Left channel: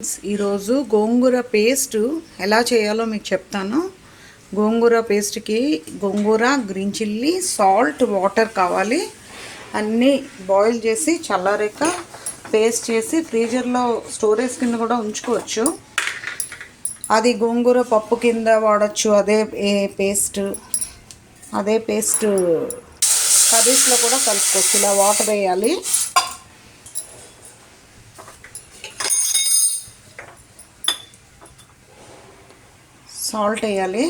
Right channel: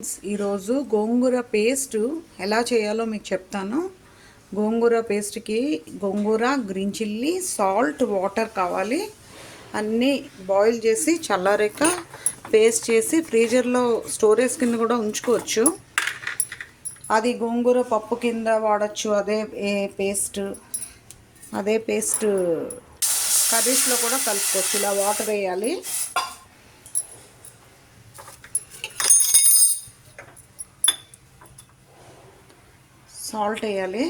ఈరోజు గోంగూర పేస్ట్ ఎలా చేయాలో మీకు చెప్తాను. గోంగూర పేస్ట్కి గోంగూర, గ్రీన్ చిల్లీ, సాల్ట్, వాటర్ కావాలి. అన్నీ బాయిల్ చేసి చల్లారాక పేస్ట్ చేసి ఫ్రీజర్లో స్టోరేజ్ కింద కూడా ఉంచుకోవచ్చు. అది గోంగూర పప్పు కింద వాడచ్చు. అదే పేస్ట్ కర్రీస్లో కూడా కలుపుకోవచ్చు. ఇలా వాటర్ వేయాలి. సాల్ట్ వేయాలి.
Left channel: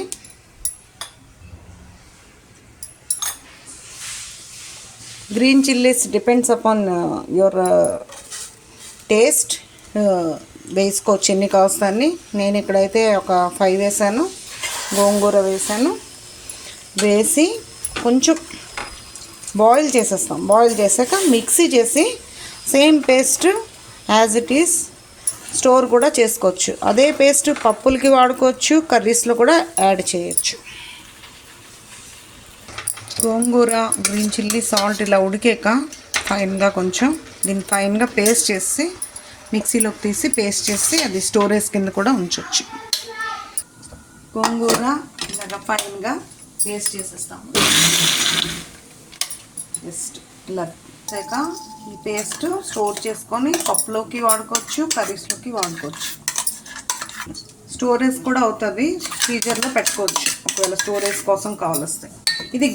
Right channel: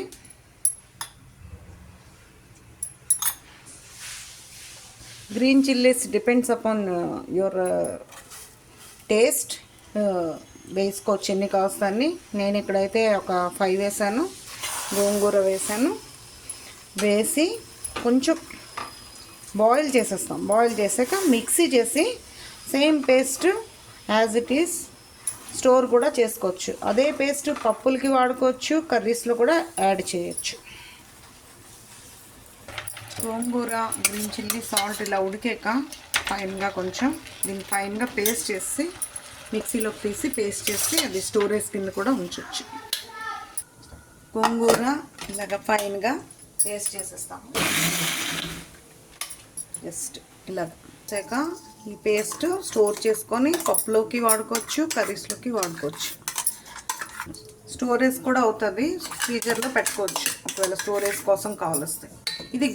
Green chillies depends upon your taste. వేసుకోవచ్చు ఎన్ని కావస్తాన్ని. నేను ఇక్కడైతే ఒక 5 వేసాను. గోంగూర వేసాను. వేసి కొంచెం బాయిల్ చేసేస్తాం. బాయిల్ చేసాక మిక్సీ చేసి same paste as it is store కూడా చేసుకోవచ్చు. అదే పేస్ట్ పప్పులకి వాడుకోవచ్చు, కర్రీస్లో కూడా యాడ్ చేయొచ్చు. గోంగూర, గ్రీన్ చిల్లీ, సాల్ట్ ఇలా ఉడికాక ఫైన్గా కొంచెం దీన్ని ఫైన్గా పేస్ట్ చేసి మిక్సీలోకి తీసి పేస్ట్ చేసి అది స్టోరేజ్ కింద కూడా ఉంచవచ్చు. గోంగూర ఇలాగ ఫైన్గా పేస్ట్ చేసేస్తాము. జస్ట్ ఇలా వచ్చాక ఈ పేస్ట్ స్టోర్ చేసుకొని పప్పులోకి వాడుకోవచ్చు, కర్రీస్లోకి వాడుకోవచ్చు. స్టోరేజ్ కూడా అవుతుంది. ఫ్రీజర్లో పెట్టుకోవచ్చు ఒకవేళ స్టోరేజ్ కోసం కావలిస్తే. ఇది